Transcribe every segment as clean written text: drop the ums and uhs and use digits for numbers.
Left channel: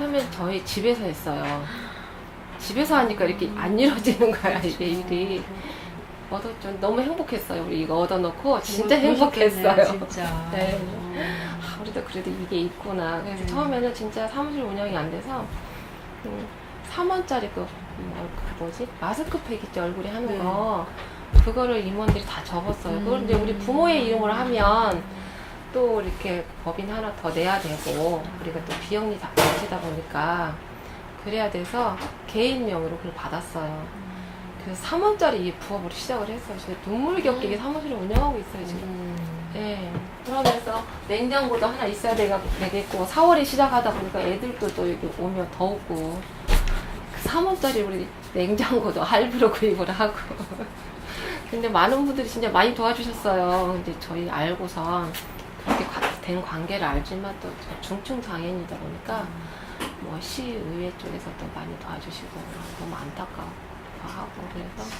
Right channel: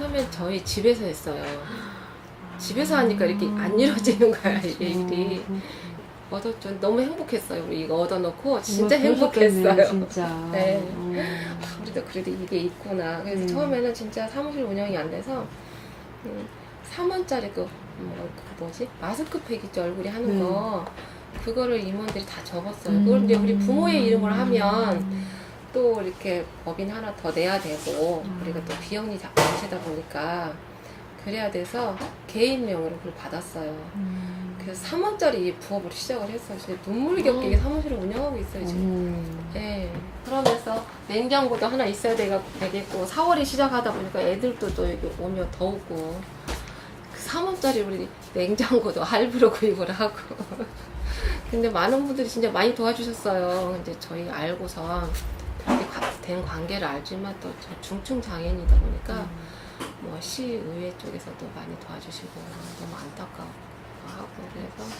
처음에 저희 집에서 했어요. 집에서 하니까 이렇게 안 이루어지는 거야, 이게 일이. 얻었죠. 너무 행복했어요. 우리 이거 얻어놓고 진짜 행복했어요. 진짜. 네. 우리도 그래도 이게 있구나. 그래서 네. 처음에는 진짜 사무실 운영이 안 돼서 3원짜리 뭐지? 마스크팩 있죠, 얼굴이 하는 네. 거. 그거를 임원들이 다 접었어요. 그걸 이제 우리 부모의 이름으로 하면 또 이렇게 법인 하나 더 내야 되고, 그리고 또 비용이 많시다 보니까 그래야 돼서 개인명으로 그걸 받았어요. 그래서 3원짜리 이 부업으로 시작을 했어요. 진짜 눈물겹게 이 사무실을 운영하고 있어요, 지금. 네. 그러면서 냉장고도 하나 있어야 되겠고, 4월이 시작하다 보니까 애들도 또 여기 오면 더우고, 그 3원짜리 우리 냉장고도 할부로 구입을 하고. 근데 많은 분들이 진짜 많이 도와주셨어요. 이제 저희 알고서 그렇게 된 관계를 알지만 또 중증 장애인이다 보니까 뭐 시의회 쪽에서도 많이 도와주시고 너무 안타까워. 하고 그래서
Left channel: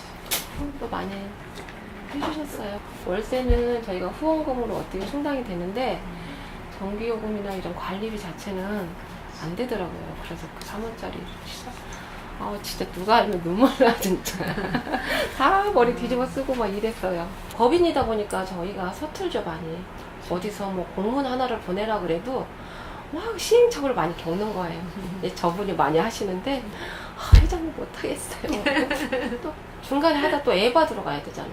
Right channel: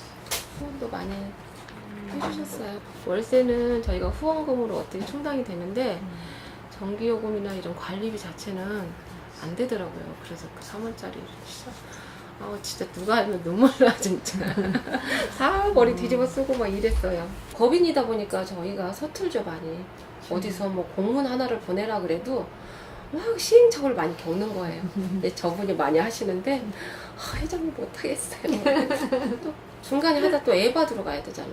또 많이 해주셨어요. 월세는 저희가 후원금으로 어떻게 충당이 되는데 전기요금이나 이런 관리비 자체는 안 되더라고요. 그래서 그 3원짜리 시작. 진짜 누가 알면 눈물 나 진짜. 사람 머리 뒤집어 쓰고 막 이랬어요. 법인이다 보니까 저희가 서툴죠 많이. 어디서 뭐 공문 하나를 보내라 그래도 막 시행착오를 많이 겪는 거예요. 저분이 많이 하시는데 회장님 못하겠어요. 또 중간에 하다 또 애 받으러 가야 되잖아요.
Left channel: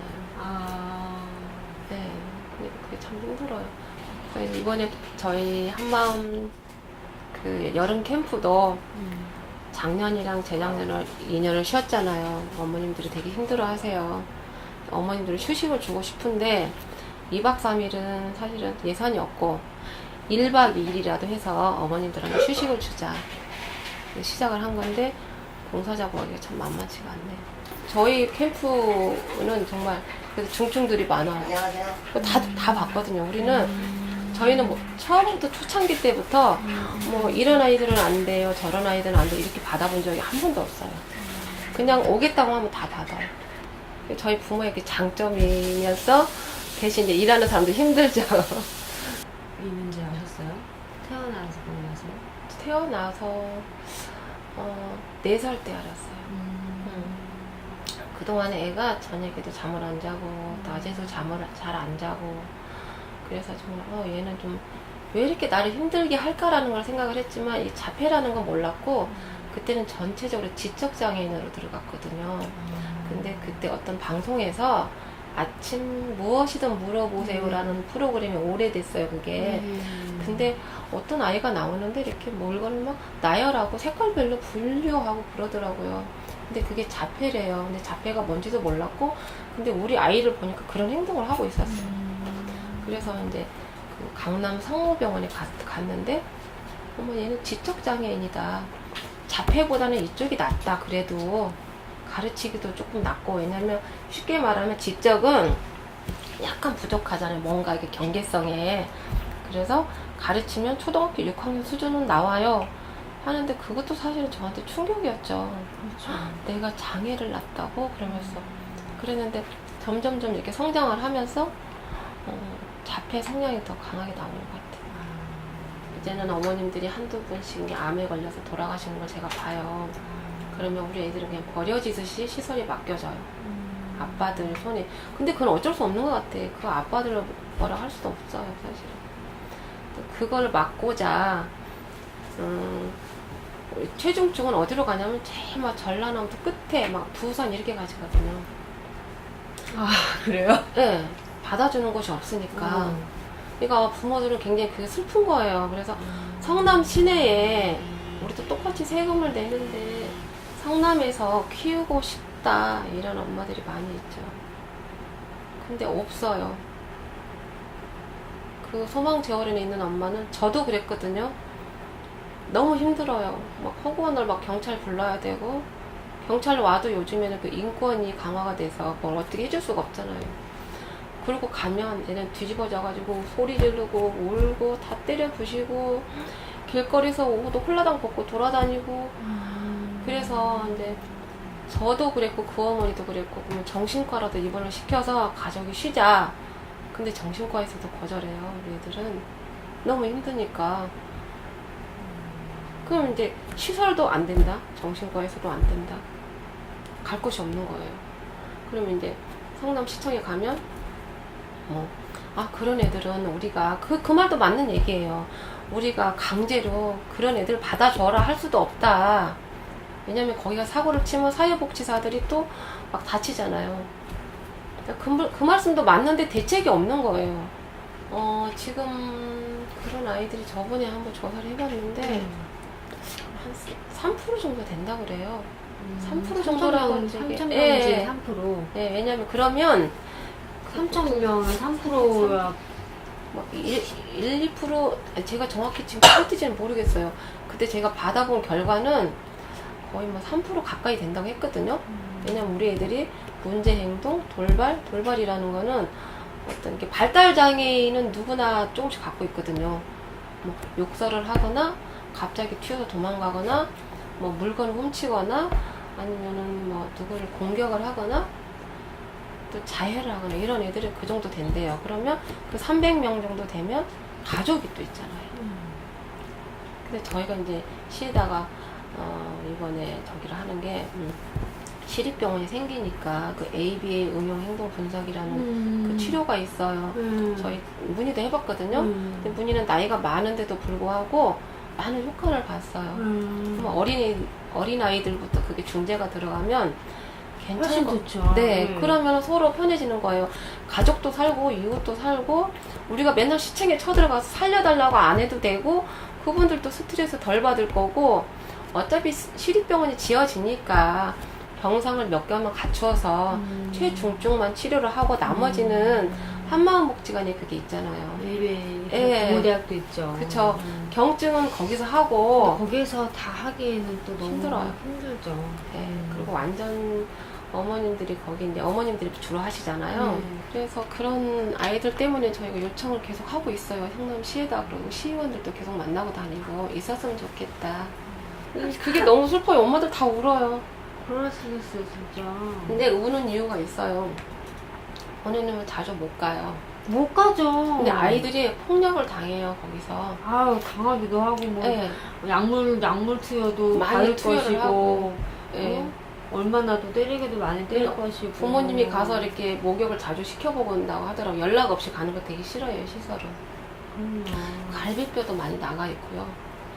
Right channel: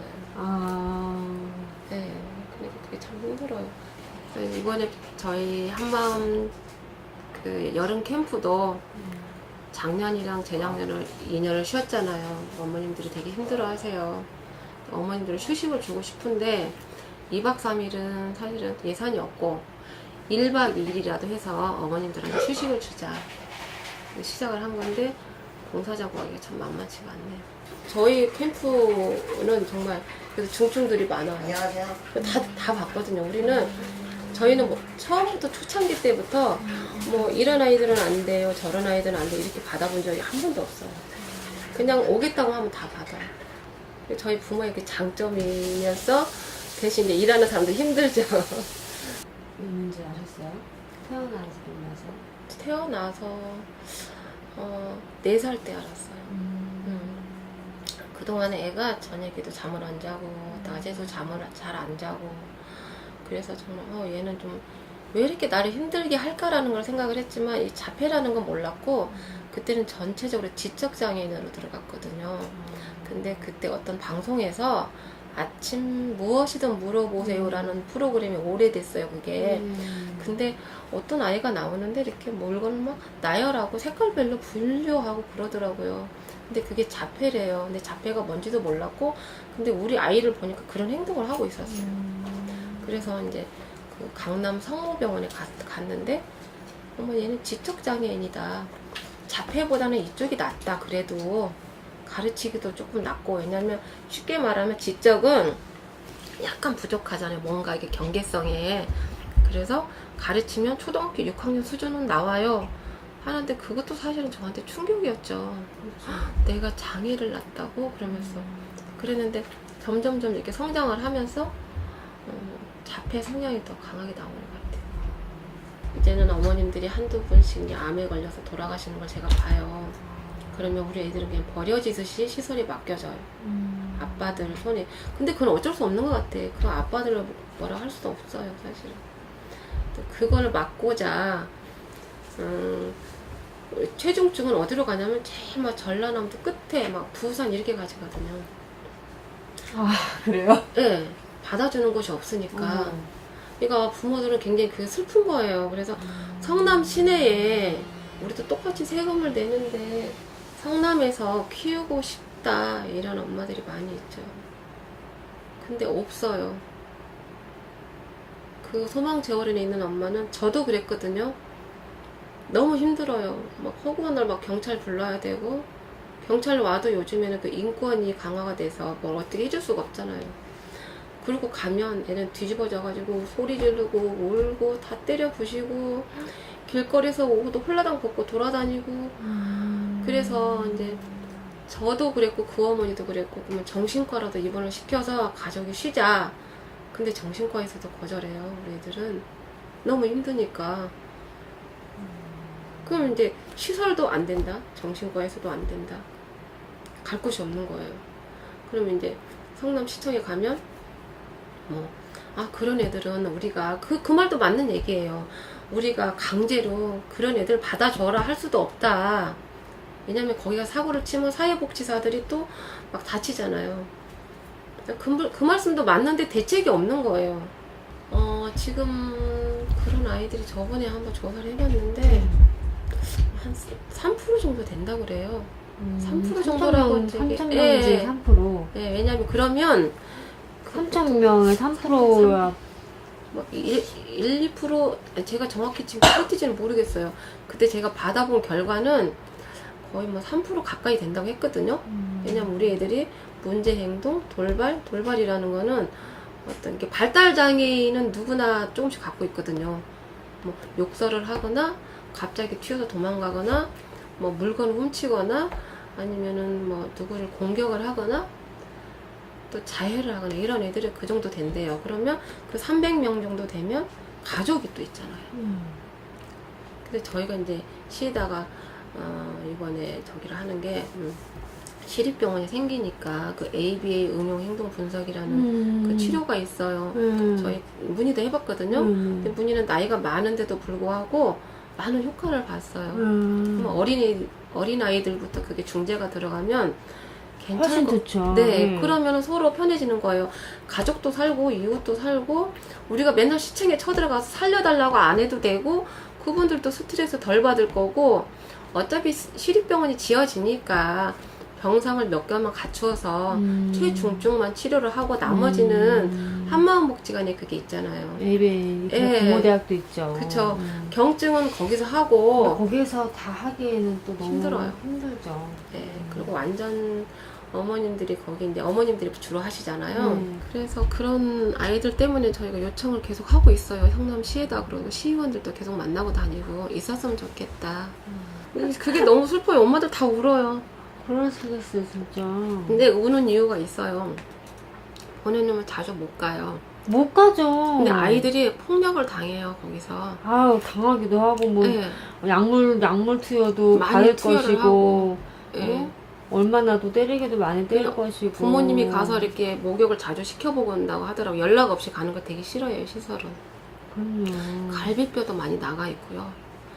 네, 그러니까 그게 참 힘들어요. 이번에 저희 한밤 그 여름 캠프도 작년이랑 재작년을 2년을 쉬었잖아요. 어머님들이 되게 힘들어하세요. 어머님들은 휴식을 주고 싶은데 2박 3일은 사실은 예산이 없고 1박 2일이라도 해서 어머님들한테 휴식을 주자 시작을 한 건데 공사자고 하기가 참 만만치가 않네요. 저희 캠프는 정말 그래서 중증들이 많아요. 다 봤거든요. 우리는 저희는 뭐 처음부터 초창기 때부터 뭐 이런 아이들은 안 돼요, 저런 아이들은 안 돼요 이렇게 받아본 적이 한 번도 없어요. 그냥 오겠다고 하면 다 받아요. 저희 부모의 그 장점이면서 대신 이제 일하는 사람들 힘들죠. 있는지 아셨어요? 태어나서 보면서? 태어나서 4살 때 알았어요. 그동안 애가 저녁에도 잠을 안 자고 낮에도 잠을 잘 안 자고 그래서 정말 얘는 좀 왜 이렇게 나를 힘들게 할까라는 걸 생각을 했지만 이 자폐라는 건 몰랐고 그때는 전체적으로 지적장애인으로 들어갔거든요. 근데 그때 어떤 방송에서 아침 무엇이든 물어보세요라는 프로그램이 오래됐어요, 그게. 근데 어떤 아이가 나오는데 이렇게 물건을 막 나열하고 색깔별로 분류하고 그러더라고요. 근데 그게 자폐래요. 근데 자폐가 뭔지도 몰랐고, 근데 우리 아이를 보니까 그런 행동을 하고 있었어요. 그래서 이제 그 강남 성모병원에 갔는데, 얘는 지적장애인이다. 자폐보다는 이쪽이 낫다. 그래도 가르치기도 조금 낫고, 왜냐면 쉽게 말하면 지적은 약간 부족하잖아요. 뭔가 이게 경계성에. 그래서 가르치면 초등학교 6학년 수준은 나와요. 하는데 그것도 사실은 저한테 충격이었죠. 내가 장애를 낳았다고? 그러면서. 그랬는데 점점점 이렇게 성장을 하면서 자폐 성향이 더 강하게 나오는 것 같아요. 이제는 어머님들이 한두 분씩 암에 걸려서 돌아가시는 걸 제가 봐요. 그러면 우리 애들은 그냥 버려지듯이 시설에 맡겨져요. 아빠들 손에. 근데 그건 어쩔 수 없는 것 같아. 그 아빠들을 뭐라 할 수도 없어요, 사실은. 그걸 막고자 최중증은 어디로 가냐면 제일 막 전라남도 끝에 막 부산 이렇게 가시거든요. 그래요? 네, 받아주는 곳이 없으니까. 그러니까 부모들은 굉장히 그게 슬픈 거예요. 그래서 성남 시내에 우리도 똑같이 세금을 내는데 성남에서 키우고 싶다 이런 엄마들이 많이 있죠. 근데 없어요. 그 소망재활원에 있는 엄마는 저도 그랬거든요. 너무 힘들어요. 막 허구한 날 막 경찰 불러야 되고 경찰 와도 요즘에는 그 인권이 강화가 돼서 뭘 어떻게 해줄 수가 없잖아요. 그리고 가면 얘는 뒤집어져가지고 소리 지르고 울고 다 때려 부시고 길거리에서 옷도 홀라당 벗고 돌아다니고 그래서 이제 저도 그랬고 그 어머니도 그랬고 그러면 정신과라도 입원을 시켜서 가족이 쉬자. 근데 정신과에서도 거절해요. 우리 애들은 너무 힘드니까. 그럼 이제 시설도 안 된다. 정신과에서도 안 된다. 갈 곳이 없는 거예요. 그러면 이제 성남시청에 가면 그런 애들은 우리가 그 말도 맞는 얘기예요. 우리가 강제로 그런 애들 받아줘라 할 수도 없다. 왜냐면 거기가 사고를 치면 사회복지사들이 또 막 다치잖아요. 그 말씀도 맞는데 대책이 없는 거예요. 지금 그런 아이들이 저번에 한번 조사를 해봤는데 한 3% 정도 된다 그래요. 3% 정도라고 3,000명 예, 중에 3%. 예, 왜냐면 그러면 3,000명에 3%야. 뭐 1, 2% 제가 정확히 지금 어디지는 모르겠어요. 그때 제가 받아본 결과는 거의 뭐 3% 가까이 된다고 했거든요. 왜냐면 우리 애들이 문제 행동, 돌발이라는 거는 어떤 게 발달 장애인은 누구나 조금씩 갖고 있거든요. 뭐 욕설을 하거나 갑자기 튀어서 도망가거나 뭐 물건을 훔치거나 아니면은 뭐 누구를 공격을 하거나 또 자해를 하거나 이런 애들이 그 정도 된대요. 그러면 그 300명 정도 되면 가족이 또 있잖아요. 그래서 저희가 이제 시에다가 이번에 저기를 하는 게 시립병원이 생기니까 그 ABA 응용 행동 분석이라는 그 치료가 있어요. 저희 문의도 해봤거든요. 근데 문의는 나이가 많은데도 불구하고 많은 효과를 봤어요. 어린 아이들부터 그게 중재가 들어가면 괜찮은 거. 좋죠. 네, 그러면 서로 편해지는 거예요. 가족도 살고 이웃도 살고 우리가 맨날 시청에 쳐들어가서 살려달라고 안 해도 되고 그분들도 스트레스 덜 받을 거고 어차피 시립병원이 지어지니까 병상을 몇 개만 갖추어서 최중증만 치료를 하고 나머지는 한마음복지관에 그게 있잖아요. ABA 예. 부모대학도 있죠. 그쵸. 경증은 거기서 하고 거기서 다 하기에는 또 너무 힘들어요. 힘들죠. 네, 그리고 완전 어머님들이 거기 이제 어머님들이 주로 하시잖아요. 그래서 그런 아이들 때문에 저희가 요청을 계속 하고 있어요. 성남시에다 그러고 시의원들도 계속 만나고 다니고 있었으면 좋겠다. 그게 너무 슬퍼요. 엄마들 다 울어요. 그러시겠어요, 진짜. 근데 우는 이유가 있어요. 보내놓으면 자주 못 가요. 못 가죠. 근데 아이들이 폭력을 당해요, 거기서. 아유, 당하기도 하고, 뭐, 네. 약물 투여도 많이 받을 투여를 것이고, 하고. 네. 얼마나도 때리기도 많이 때릴 것이고. 부모님이 가서 이렇게 목욕을 자주 시켜보고 온다고 하더라고요. 연락 없이 가는 거 되게 싫어해요, 시설은. 그럼요. 갈비뼈도 많이 나가 있고요.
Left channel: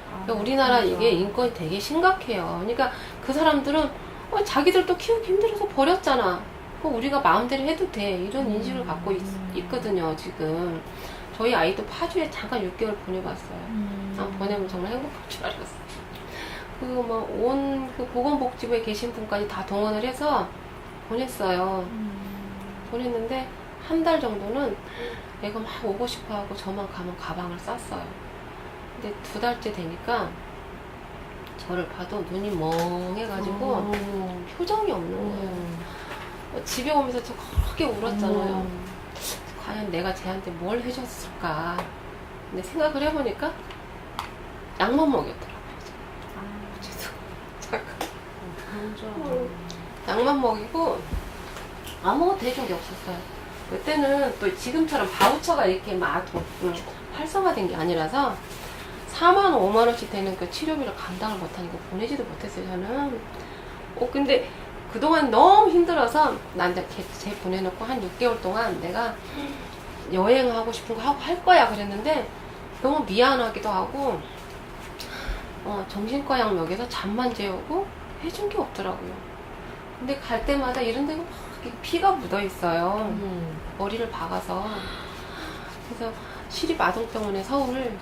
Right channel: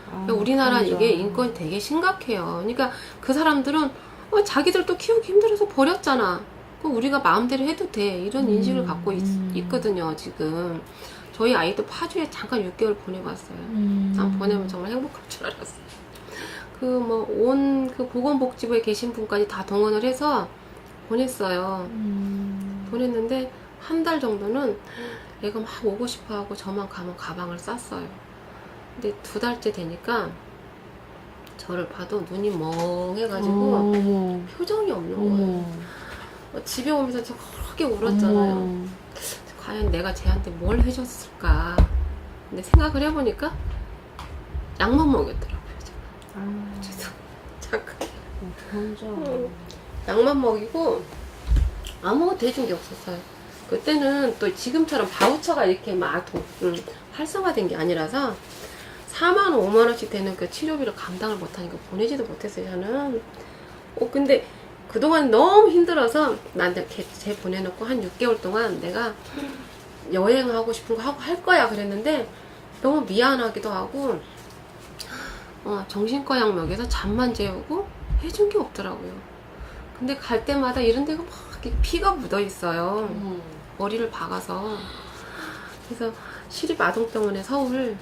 그러니까 아, 우리나라 그렇죠. 이게 인권이 되게 심각해요. 그러니까 그 사람들은 자기들도 키우기 힘들어서 버렸잖아. 우리가 마음대로 해도 돼. 이런 인식을 갖고 있거든요, 지금. 저희 아이도 파주에 잠깐 6개월 보내봤어요. 난 보내면 정말 행복할 줄 알았어요. 그 보건복지부에 계신 분까지 다 동원을 해서 보냈어요. 보냈는데 한 달 정도는 애가 막 오고 싶어 하고 저만 가면 가방을 쌌어요. 근데 2달째 되니까 저를 봐도 눈이 멍해가지고 표정이 없는 거예요. 집에 오면서 저 크게 울었잖아요. 과연 내가 쟤한테 뭘 해줬을까. 근데 생각을 해보니까 약만 먹였더라고요. 잠깐. 약만 먹이고 아무것도 해준 게 없었어요. 그때는 또 지금처럼 바우처가 이렇게 막 활성화된 게 아니라서 4만 원, 5만 원씩 되는 그 치료비를 감당을 못하니까 보내지도 못했어요, 저는. 근데 그동안 너무 힘들어서 나한테 쟤 보내놓고 한 6개월 동안 내가 여행하고 싶은 거 하고 할 거야 그랬는데 너무 미안하기도 하고 정신과 약 먹여서 잠만 재우고 해준 게 없더라고요. 근데 갈 때마다 이런 데가 막 이렇게 피가 묻어 있어요. 머리를 박아서. 그래서 시립아동병원에 서울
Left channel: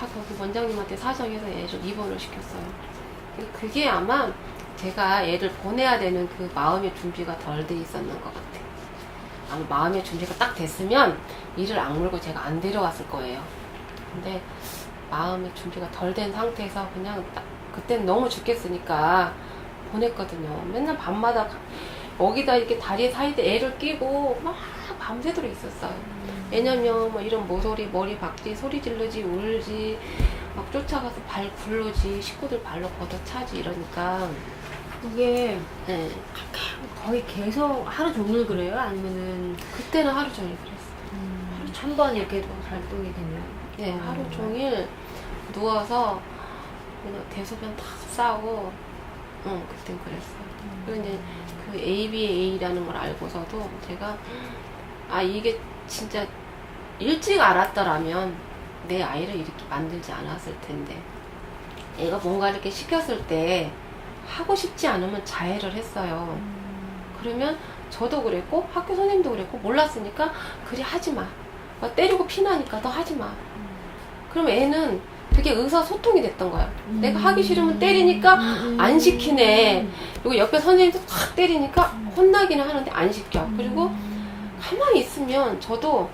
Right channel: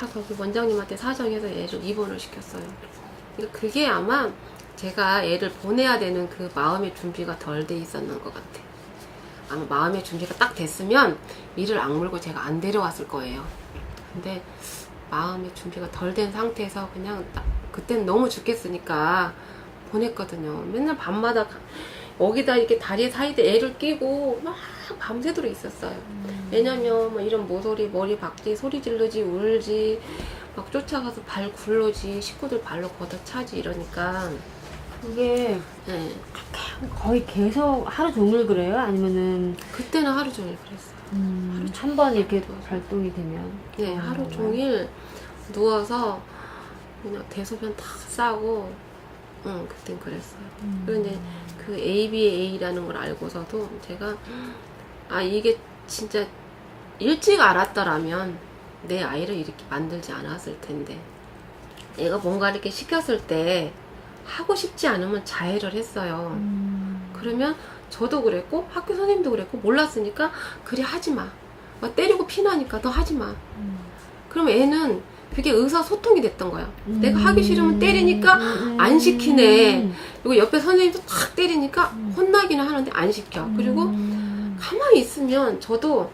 거기 원장님한테 사정해서 애를 입원을 시켰어요. 그게 아마 제가 애를 보내야 되는 그 마음의 준비가 덜 돼 있었는 것 같아요. 아마 마음의 준비가 딱 됐으면 이를 악물고 제가 안 데려왔을 거예요. 근데 마음의 준비가 덜 된 상태에서 그냥 딱 그때는 너무 죽겠으니까 보냈거든요. 맨날 밤마다 여기다 이렇게 다리 사이에 애를 끼고 막 밤새도록 있었어요. 왜냐면 뭐 이런 모서리 머리 박지 소리 지르지 울지 막 쫓아가서 발 굴르지 식구들 발로 걷어차지 이러니까 이게 거의 계속 하루 종일 그래요? 아니면은 그때는 하루 종일 그랬어요. 한 번 이렇게 발동이 되면 네, 하루 종일 누워서 그냥 대소변 다 싸고, 그땐 그랬어요. 그리고 이제 그 ABA라는 걸 알고서도 제가, 아, 이게 진짜 일찍 알았더라면 내 아이를 이렇게 만들지 않았을 텐데. 얘가 뭔가 이렇게 시켰을 때 하고 싶지 않으면 자해를 했어요. 그러면 저도 그랬고 학교 선생님도 그랬고 몰랐으니까 그래 하지 마. 막 때리고 피나니까 너 하지 마. 그럼 애는 되게 의사소통이 됐던 거야. 내가 하기 싫으면 때리니까 안 시키네. 그리고 옆에 선생님도 확 때리니까 혼나기는 하는데 안 시켜. 그리고 가만히 있으면 저도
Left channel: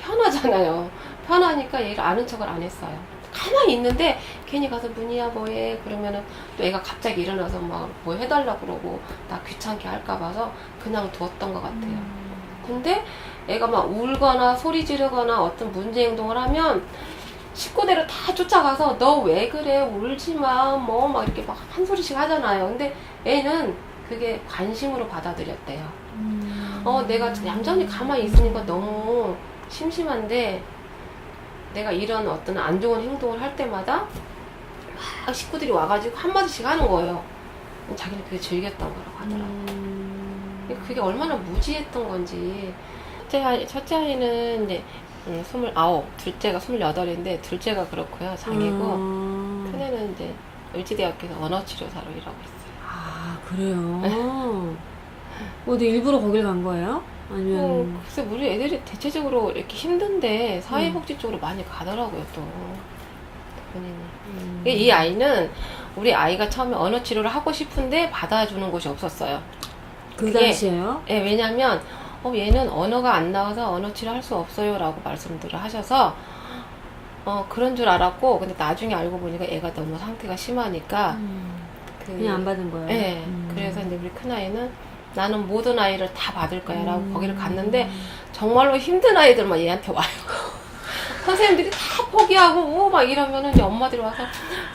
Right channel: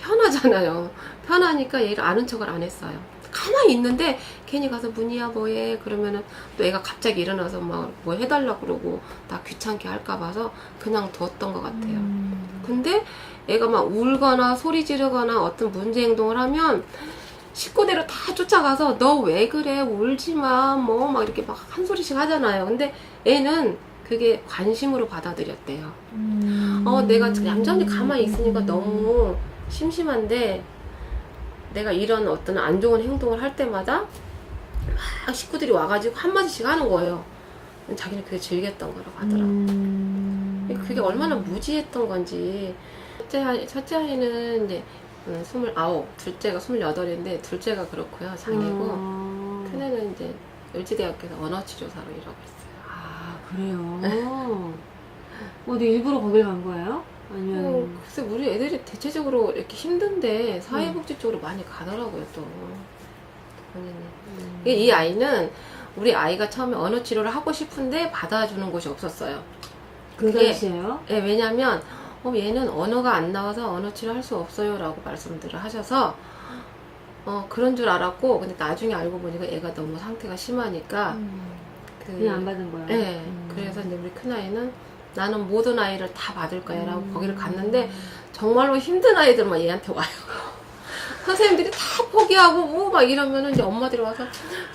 편하잖아요. 편하니까 얘를 아는 척을 안 했어요. 가만히 있는데 괜히 가서 문이야 뭐해 그러면은 또 애가 갑자기 일어나서 막 뭐 해달라고 그러고 나 귀찮게 할까 봐서 그냥 뒀던 것 같아요. 근데 애가 막 울거나 소리 지르거나 어떤 문제 행동을 하면 식구들을 다 쫓아가서 너 왜 그래 울지 마 뭐 막 이렇게 막 한 소리씩 하잖아요. 근데 애는 그게 관심으로 받아들였대요. 내가 얌전히 가만히 있으니까 너무 심심한데 내가 이런 어떤 안 좋은 행동을 할 때마다 막 식구들이 와가지고 한마디씩 하는 거예요. 자기는 그게 즐겼던 거라고 하더라고요. 그게 얼마나 무지했던 건지. 첫째 아이는 이제 29, 둘째가 28인데 둘째가 그렇고요. 장애고 큰애는 이제 을지대학교에서 언어치료사로 일하고 있어요. 아, 그래요? 근데 일부러 거길 간 거예요? 아니면 글쎄 우리 애들이 대체적으로 이렇게 힘든데 사회복지 쪽으로 많이 가더라고요 또 본인이. 이 아이는 우리 아이가 처음에 언어치료를 하고 싶은데 받아주는 곳이 없었어요. 그 당시에요? 예, 왜냐면 얘는 언어가 안 나와서 언어치료 할 수 없어요 라고 말씀들을 하셔서 그런 줄 알았고 근데 나중에 알고 보니까 애가 너무 상태가 심하니까 그냥 안 받은 거예요? 예, 그래서 이제 우리 큰아이는 나는 모든 아이를 다 받을 거야 라고 거기를 갔는데 정말로 힘든 아이들만 얘한테 와요. 선생님들이 다 포기하고 막 이러면은 이제 엄마들이 와서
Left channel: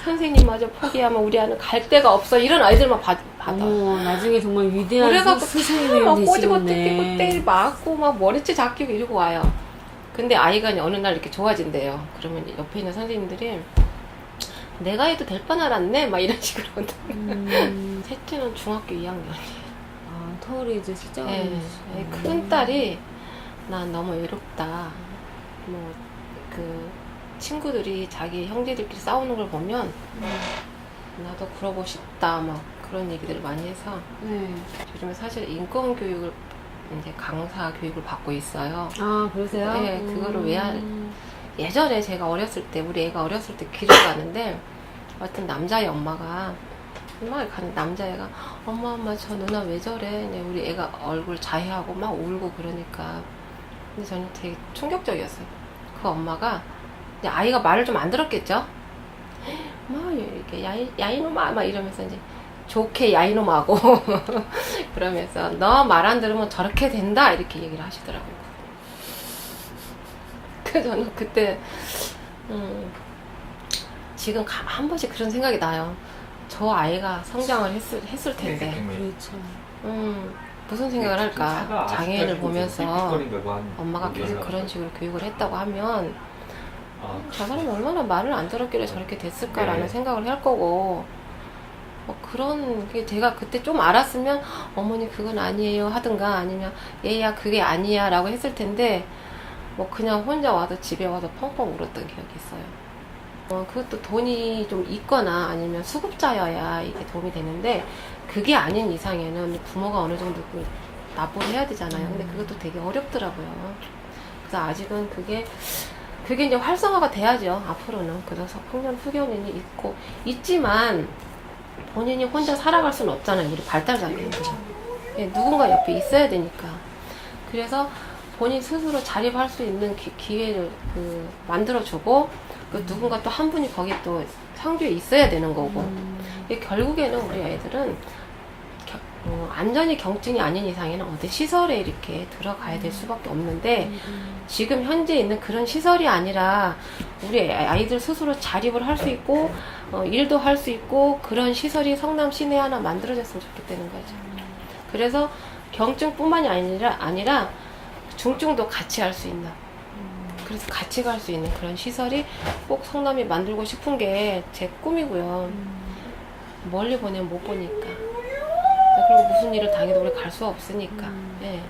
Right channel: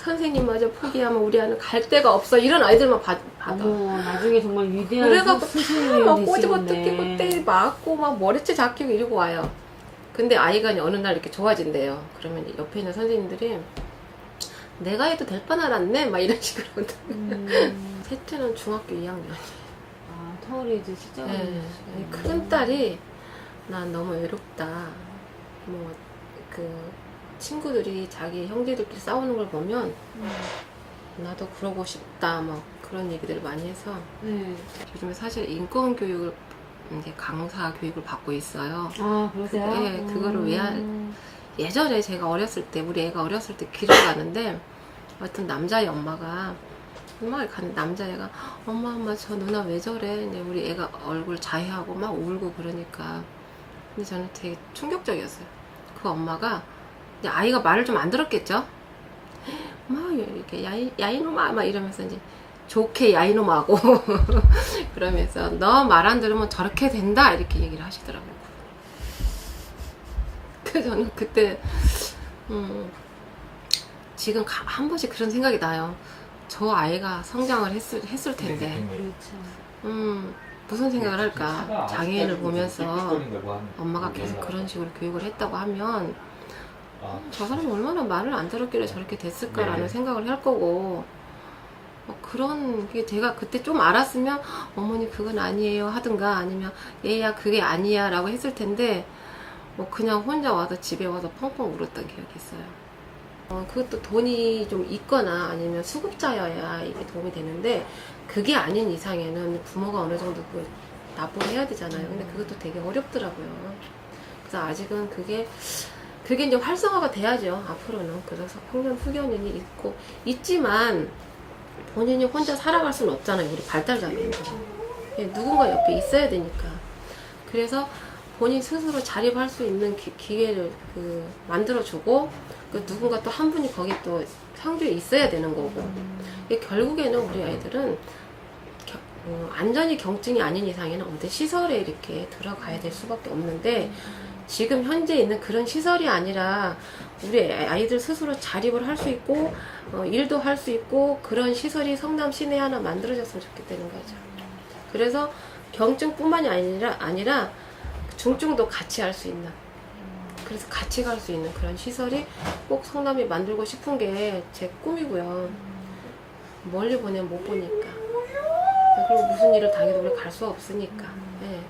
선생님마저 포기하면 우리 아이는 갈 데가 없어 이런 아이들만 받아. 나중에 정말 위대한 그래갖고 스승님이 막 꼬집어 되시겠네. 뜯기고 때 맞고 막 머리채 잡히고 이러고 와요. 근데 아이가 어느 날 이렇게 좋아진대요. 그러면 옆에 있는 선생님들이 내가 해도 될 뻔 알았네 막 이런 식으로. 셋째는 중학교 2학년이에요. 터울에 이제 진짜 큰 딸이 난 너무 외롭다. 뭐 그 친구들이 자기 형제들끼리 싸우는 걸 보면 나도 그러고 싶다 막 그런 얘기들을 많이 해서 요즘에 사실 인권 교육을 이제 강사 교육을 받고 있어요. 아, 그러세요? 네, 그거를 예전에 제가 어렸을 때 우리 애가 어렸을 때 길을 가는데 어떤 남자의 엄마가 막 가는 남자애가 엄마 저 누나 왜 저래? 이제 우리 애가 얼굴 자해하고 막 울고 그러니까 근데 저는 되게 충격적이었어요. 그 엄마가 이제 아이가 말을 좀 안 들었겠죠? 막 이렇게 야이놈아 막 이러면서 이제 좋게 야이놈하고 그러면서 너 말 안 들으면 저렇게 된다 이렇게 얘기를 하시더라고요. 그래서 저는 그때 지금 한 번씩 그런 생각이 나요. 저 아이가 성장을 했을 텐데 그렇죠. 무슨 생각을 할까. 장애인을 보면서 엄마가 계속 그런 식으로 교육을 했다고 하면 저 사람이 얼마나 말을 안 들었길래 저렇게 됐을까라는 생각을 할 거고 그런 게 제가 그때 좀 알았으면 어머니 그건 아니에요 하든가 아니면 얘야 그게 아니야 라고 했을 텐데 그냥 혼자 와서 집에 와서 펑펑 울었던 기억이 있어요. 그것도 돈이 좀 있거나 아니면 수급자여야 이게 도움이 되는데 그게 아닌 이상에는 부모가 어느 정도 납부를 해야 되잖아요. 근데 그것도 되게 어렵더라고요. 그래서 아직은 그게 이제 활성화가 돼야죠. 앞으로는. 그래서 풍년 후견인이 있지만 본인이 혼자 살아갈 수는 없잖아요. 우리 발달장애인은. 누군가 옆에 있어야 되니까. 그래서 본인 스스로 자립할 수 있는 기회를 만들어주고 누군가 또 한 분이 거기 또 상주에 있어야 되는 거고 결국에는 우리 아이들은 안전이 경증이 아닌 이상에는 어디 시설에 이렇게 들어가야 될 수밖에 없는데 지금 현재 있는 그런 시설이 아니라 우리 아이들 스스로 자립을 할 수 있고 일도 할 수 있고 그런 시설이 성남 시내에 하나 만들어졌으면 좋겠다는 거죠. 그래서 경증뿐만이 아니라 중증도 같이 할 수 있는 그래서 같이 갈 수 있는 그런 시설이 꼭 성남이 만들고 싶은 게 제 꿈이고요. 멀리 보내면 못 보니까. 그리고 무슨 일을 당해도 우리 갈 수 없으니까. 예.